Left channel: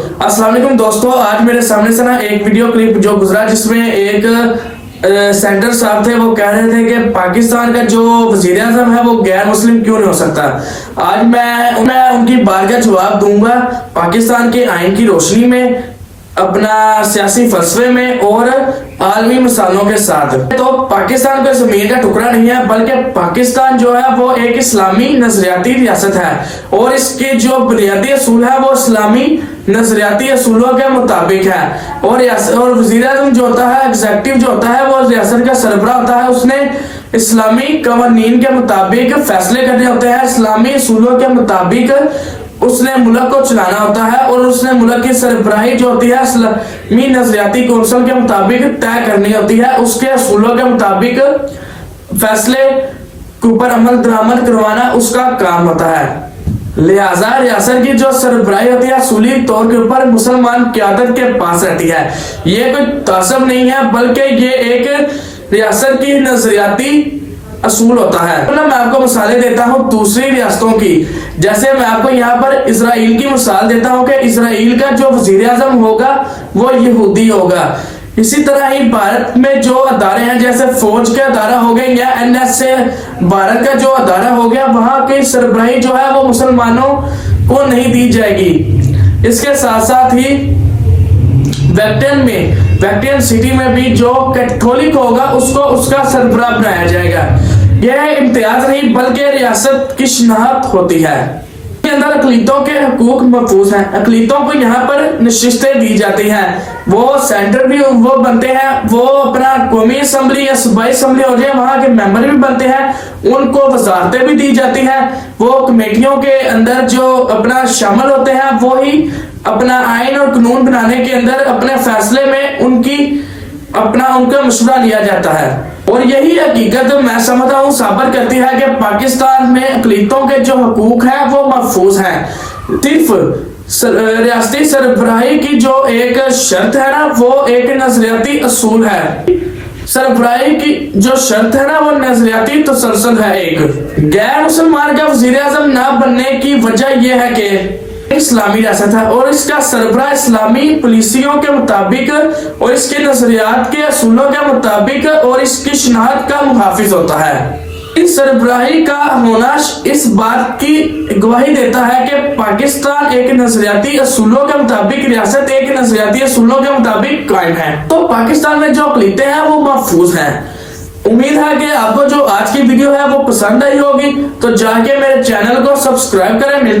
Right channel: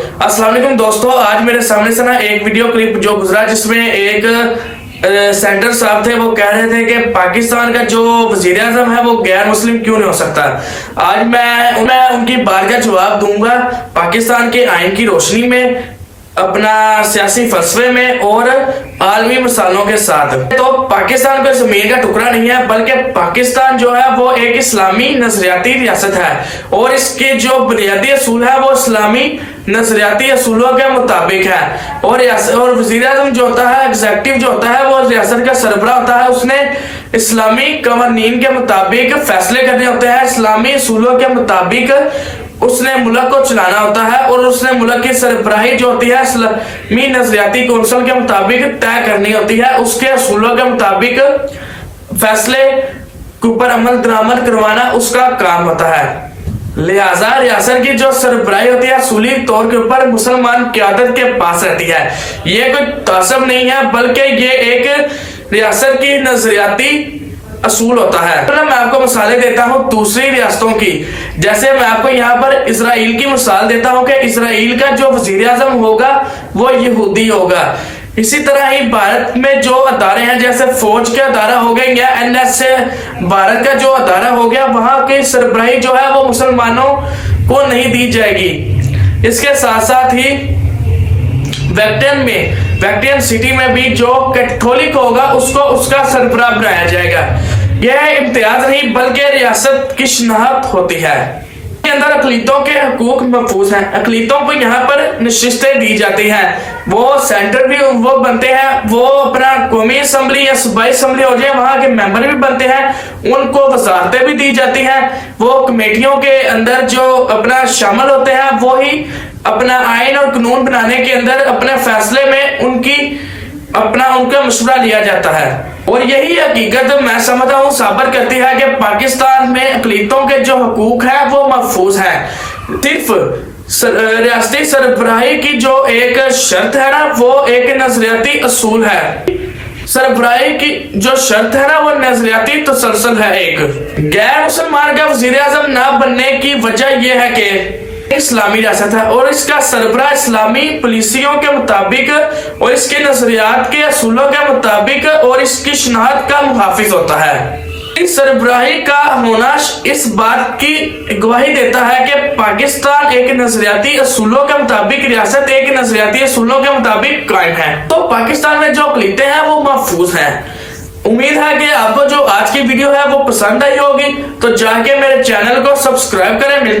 अस्सलाम वालेकुम दोस्तों, आज मेरे सामने से ना एक वीडियो क्लिप जो गुजरा जिसमें एक सेंटर साहब थे, वो कह रहे थे कि पाकिस्तान का जो वजीर आजम है वो गैर मुस्लिम क्यों नहीं हो सकता। आज मैं उनकी बात का जवाब दूंगा पाकिस्तान के आइन की रोशनी में, अपना सियासी फलसफे में और आलमी मिसालों के साथ। तो पाकिस्तान का जमीन का टुकड़ा नहीं है, बल्कि पाकिस्तान जो है वो एक इस्लामी नजरियाती रियासत है और इसके जो बुनियादी असूल है वो इस्लामी नजरियाती असूलों के मुताबिक है। और वजीर आजम जो होता है, एग्जेक्टिव जो होता है, वो रियासत का सरबराह होता है। उसने इस्लामी कवानीन के मुताबिक फैसले करने होते हैं, इस्लामी असूलों के मुताबिक उसने मुल्क को चलाना होता है और उसने मुल्क की सरबराही जो होती है इस्लामी नजरियाती कौंसिल के मुताबिक तय करनी होती है। उसके असूलों के मुताबिक फैसले के ऊपर अमल दरामद करवाना उसका काम होता है। लिहाजा रियासत की जो सरबराही होती है असूली तौर के ऊपर मुसलमान क़यादत के पास रहती है। ये कोई तासब नहीं है, बल्कि ये एक रियासत की नजरियाती असूल होता है। तो मैं आपको मिसालें देता हूँ दूसरी रियासतों की। जैसे मैं आपको यहाँ पर इसराइल की मिसाल देता हूँ कि इसराइल का जो वजीर आजम होगा वो यहूदी होगा। इसी तरह ही भारत में जो अदारे हैं, जैसे फौज के अदारा हो गए या NSA भारत का जो अदारा हो गया, वहां की सरबराही जो है वो मुसलमानों को नहीं दी जाएगी। इसके साथ साथ ही वैटिकन सिटी में भी जो कैथोलिक होगा उसको उसका सरबराह बनाया जाएगा। यह इम्तियाज नहीं बल्कि रियासत की शनाख्त होती है। के अंदर अकलीतों के हकूक महफूज हैं, अकलीतों को यहाँ पर नशिस्तें दी जाती हैं, वो सेंटर भी वो बनते हैं, वो अपना कौमी असम्बली या सूबाई असम्बली हो जाए वहां के मेंबर भी बनते हैं, उनको वजारतें भी दी जाती हैं। वो कमेटियों के अंदर जो अपना शामिल होते हैं, वो ही अपना आइन और कानून बनाने के अंदर अपने फैसले में उनका मशवरा लिया जाता है। और यही हकीकत मैं समझता हूँ साबित करती है कि पाकिस्तान में अकलीतों के जो हकूक है वो महफूज है। सिर्फ रियासती सरबराही की जो एक शर्त है ना, वो एक नजरियाती असूल है। सरबराही की जो शर्त है ना, वो नजरियाती तसलसल है। एक गैर मुसलमान का वजीर आजम ना बनने की वजह यह है कि इस्लामी रियासत है और इसका सरबराह इस्लामी पॉलिसियों के मुताबिक और इसके नजरियात के असूलों के मुताबिक और इसकी शनाख्त का मुहाफिज होता है। इस सरबराही का होना इस बात की गवाही देता है कि पाकिस्तान एक नजरियाती असूलों के मुताबिक रियासत एक नजरियाती असूलों के मुताबिक कायम है। तो पाकिस्तान में जो अक़लीतें हैं वो महफूज हैं। उम्मीद है कि आपको जो आज की वीडियो है वो पसंद आई होगी, तो जाके मेरे चैनल को सब्सक्राइब करें। मिलते हैं